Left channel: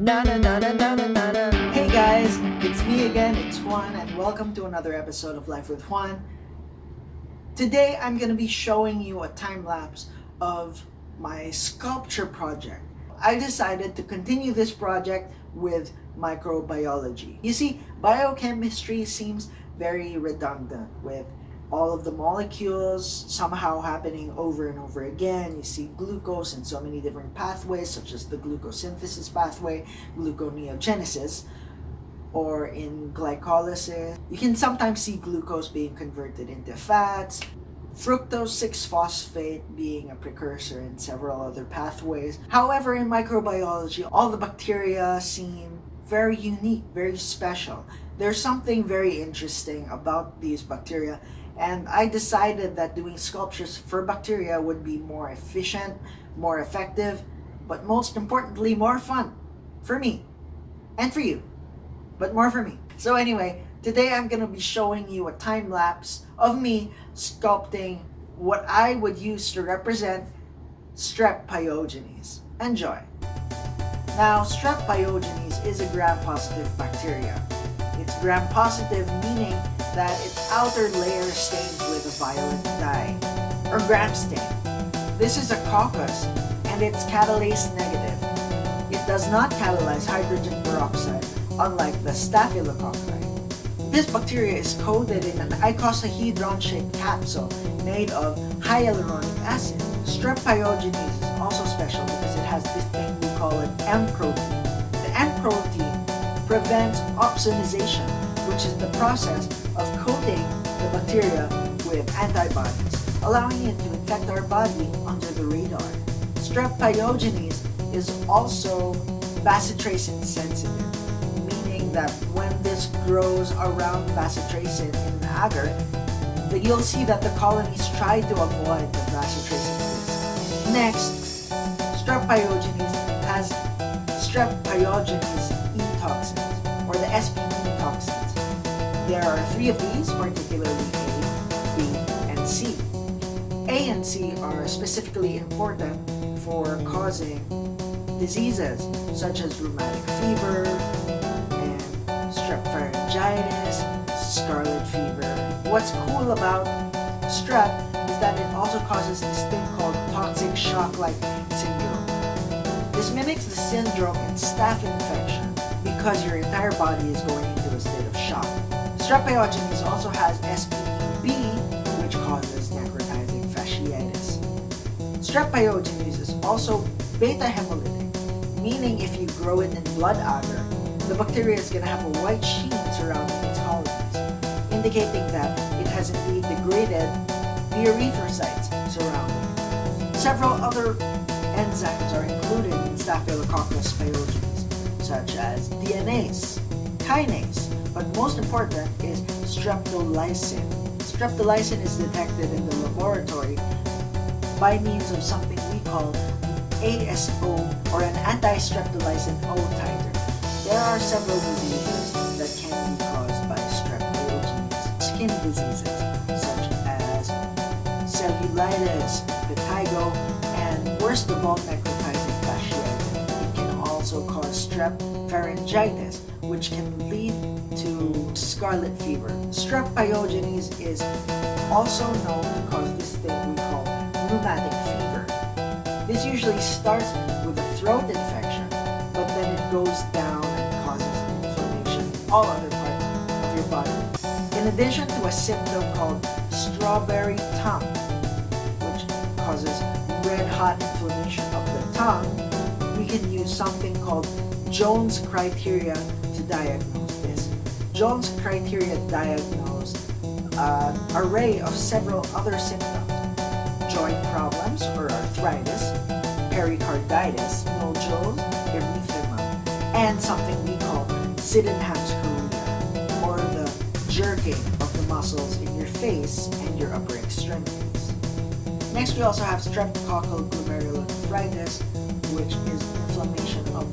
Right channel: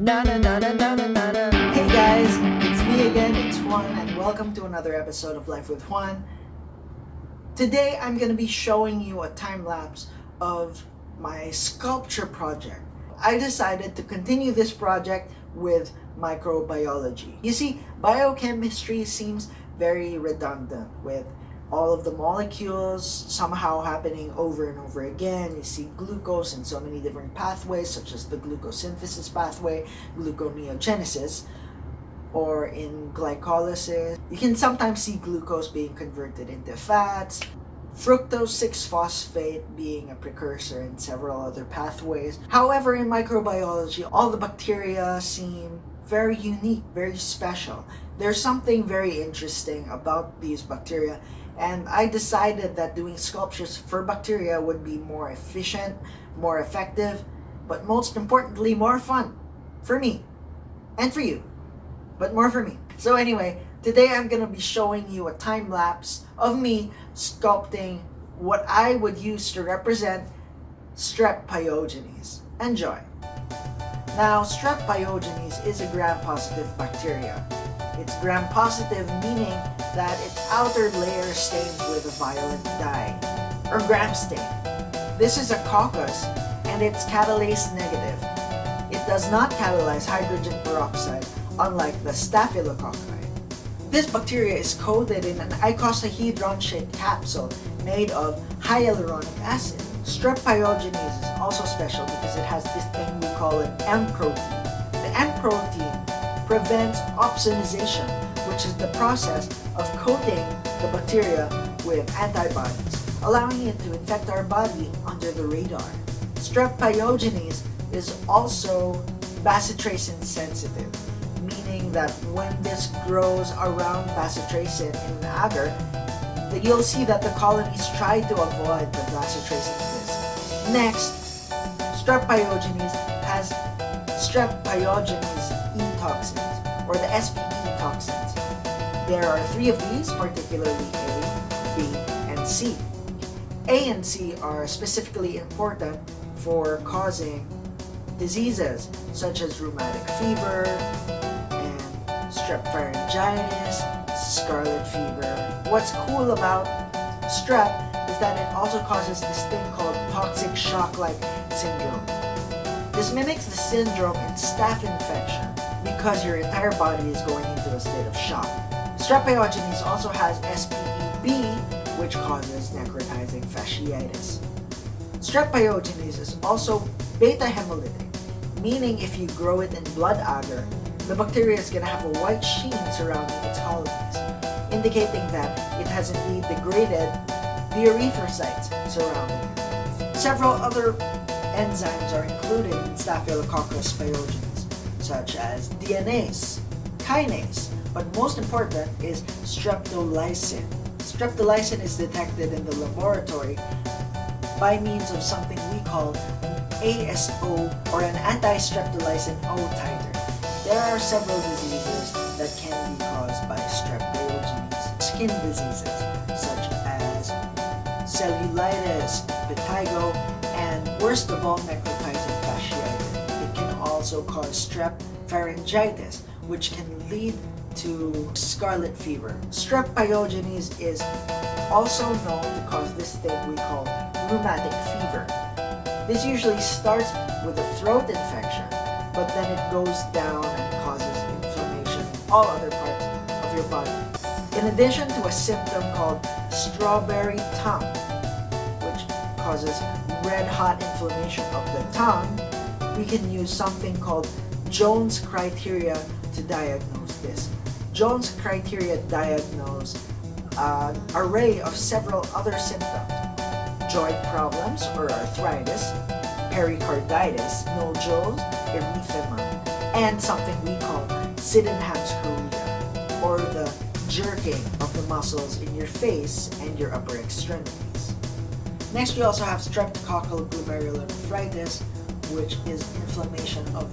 Hey guys, it's me again, it's Juan, and welcome to another episode of Life with Juan. Today I'm going to be showing you a time lapse of my sculpture project. I decided to continue this project with microbiology. You see, biochemistry seems very redundant with all of the molecules somehow happening over and over again. You see glucose in so many different pathways, such as the glucosynthesis pathway, gluconeogenesis, or in glycolysis. You can sometimes see glucose being converted into fats, fructose 6-phosphate being a precursor in several other pathways. However, in microbiology, all the bacteria seem very unique, very special. There's something very interesting about these bacteria, and I decided that doing sculptures for bacteria would be more efficient, more effective, but most importantly, more fun for me and for you, but more for me. So anyway, today I'm going to be showing you a time lapse of me sculpting what I would use to represent Strep pyogenes. Enjoy. Now, Strep pyogenes is a gram-positive bacteria. It's gram-positive, meaning that its outer layer is stained with a violet dye, or gram stain. This is a coccus, and it's catalase negative. It does not catalyze hydrogen peroxide, unlike the Staphylococci. This bacteria is coated in an icosahedron-shaped capsule made of hyaluronic acid. Strep pyogenes is also special because it has this thing we call an M protein. The M protein prevents opsonization, which is the process of coating the bacteria with antibodies, allowing it to infect our body under the radar. Strep pyogenes is also bacitracin sensitive, meaning that when this grows around bacitracin in an agar, you'll see that the colonies try to avoid the bacitracin disc. Next, Strep pyogenes has Strep pyogenes E toxins, or the SPE toxins. There are 3 of these, particularly A, B, and C. A and C are specifically important for causing diseases such as rheumatic fever and strep pharyngitis, scarlet fever. What's cool about strep is that it also causes this thing called toxic shock-like syndrome. This mimics the syndrome in staph infection because your entire body is going into a state of shock. Strep pyogenes also has SPEB, which causes necrotizing fasciitis. Strep pyogenes is also beta hemolytic, meaning if you grow it in blood agar, the bacteria is going to have a white sheen surrounding its colonies, indicating that it has indeed degraded the erythrocytes surrounding it. Several other enzymes are included in Staphylococcus pyogenes, such as DNase, kinase, but most important is streptolysin. Streptolysin is detected in the laboratory by means of something we call an ASO, or an anti-streptolysin O titer. There are several diseases that can be caused by strep pyogenes. Skin diseases such as cellulitis, vitiligo, and worst of all, necrotizing fasciitis. It can also cause strep pharyngitis, which can lead to scarlet fever. Strep pyogenes is also known to cause this thing we call rheumatic fever. This usually starts with a throat infection, but then it goes down and causes inflammation in all other parts of your body. In addition to a symptom called strawberry tongue, which causes red hot inflammation of the tongue, we can use something called Jones criteria to diagnose this. Jones criteria diagnose an array of several other symptoms: joint problems or arthritis, pericarditis, nodules, erythema, and something we call Sydenham's chorea, or the jerking of the muscles in your face and your upper extremities. Next, we also have streptococcal glomerulonephritis, which is inflammation of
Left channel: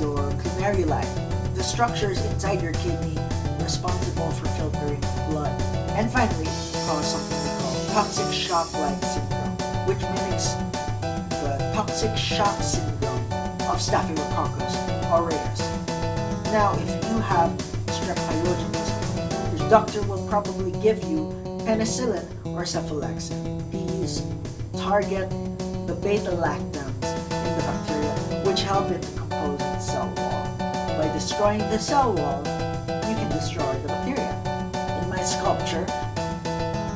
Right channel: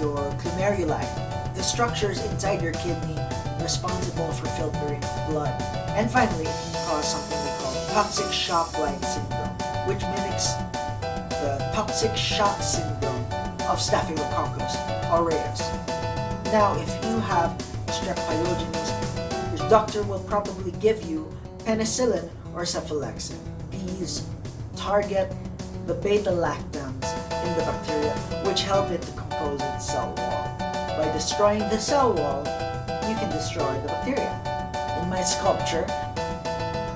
your glomeruli, the structures inside your kidney responsible for filtering blood. And finally, it can cause something we call toxic shock-like syndrome, which mimics the toxic shock syndrome of Staphylococcus aureus. Now, if you have strep pyogenes, your doctor will probably give you penicillin or cephalexin. These target the beta-lactams in the bacteria, which help it decompose its cell wall. By destroying the cell wall, you can destroy the bacteria. In my sculpture,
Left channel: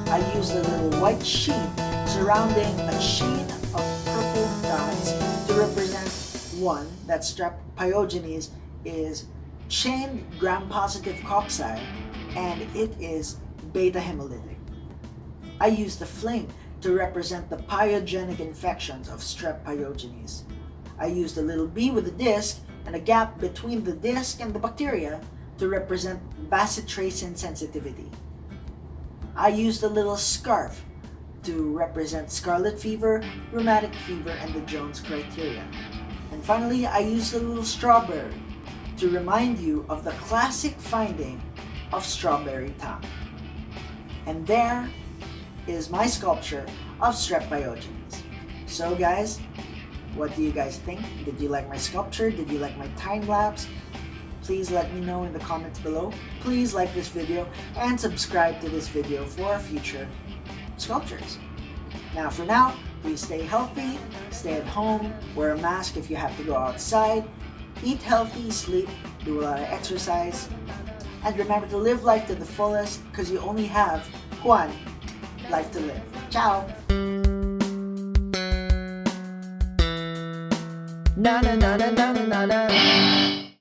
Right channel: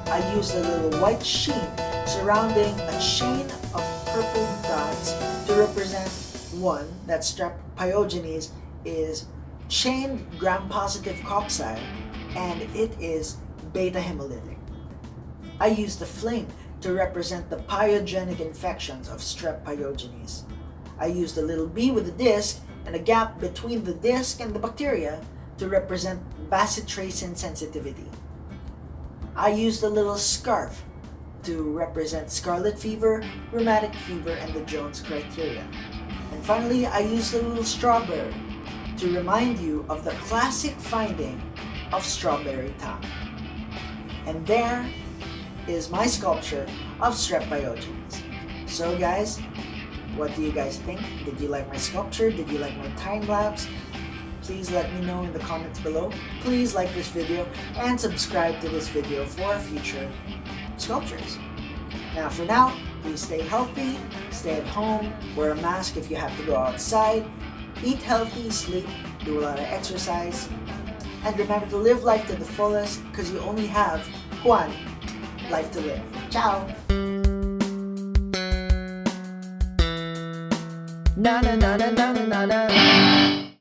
I used a little white sheen surrounding a chain of purple dyes to represent one, that strep pyogenes is chain gram-positive cocci, and it is beta-hemolytic. I used the flame to represent the pyogenic infections of strep pyogenes. I used a little bee with a disc and a gap between the disc and the bacteria to represent bacitracin sensitivity. I used a little scarf to represent scarlet fever, rheumatic fever, and the Jones criteria. And finally, I used a little strawberry to remind you of the classic finding of strawberry time. And there is my sculpture of strep pyogenes. So guys, what do you guys think? Did you like my sculpture? Did you like my time lapse? Please let me know in the comments below. Please like this video and subscribe to this video for future sculptures. Now for now, please stay healthy, stay at home, wear a mask if you have to go outside, eat healthy, sleep, do a lot of exercise, and remember to live life to the fullest because you only have one life to live. Ciao! Na na na na na na na na.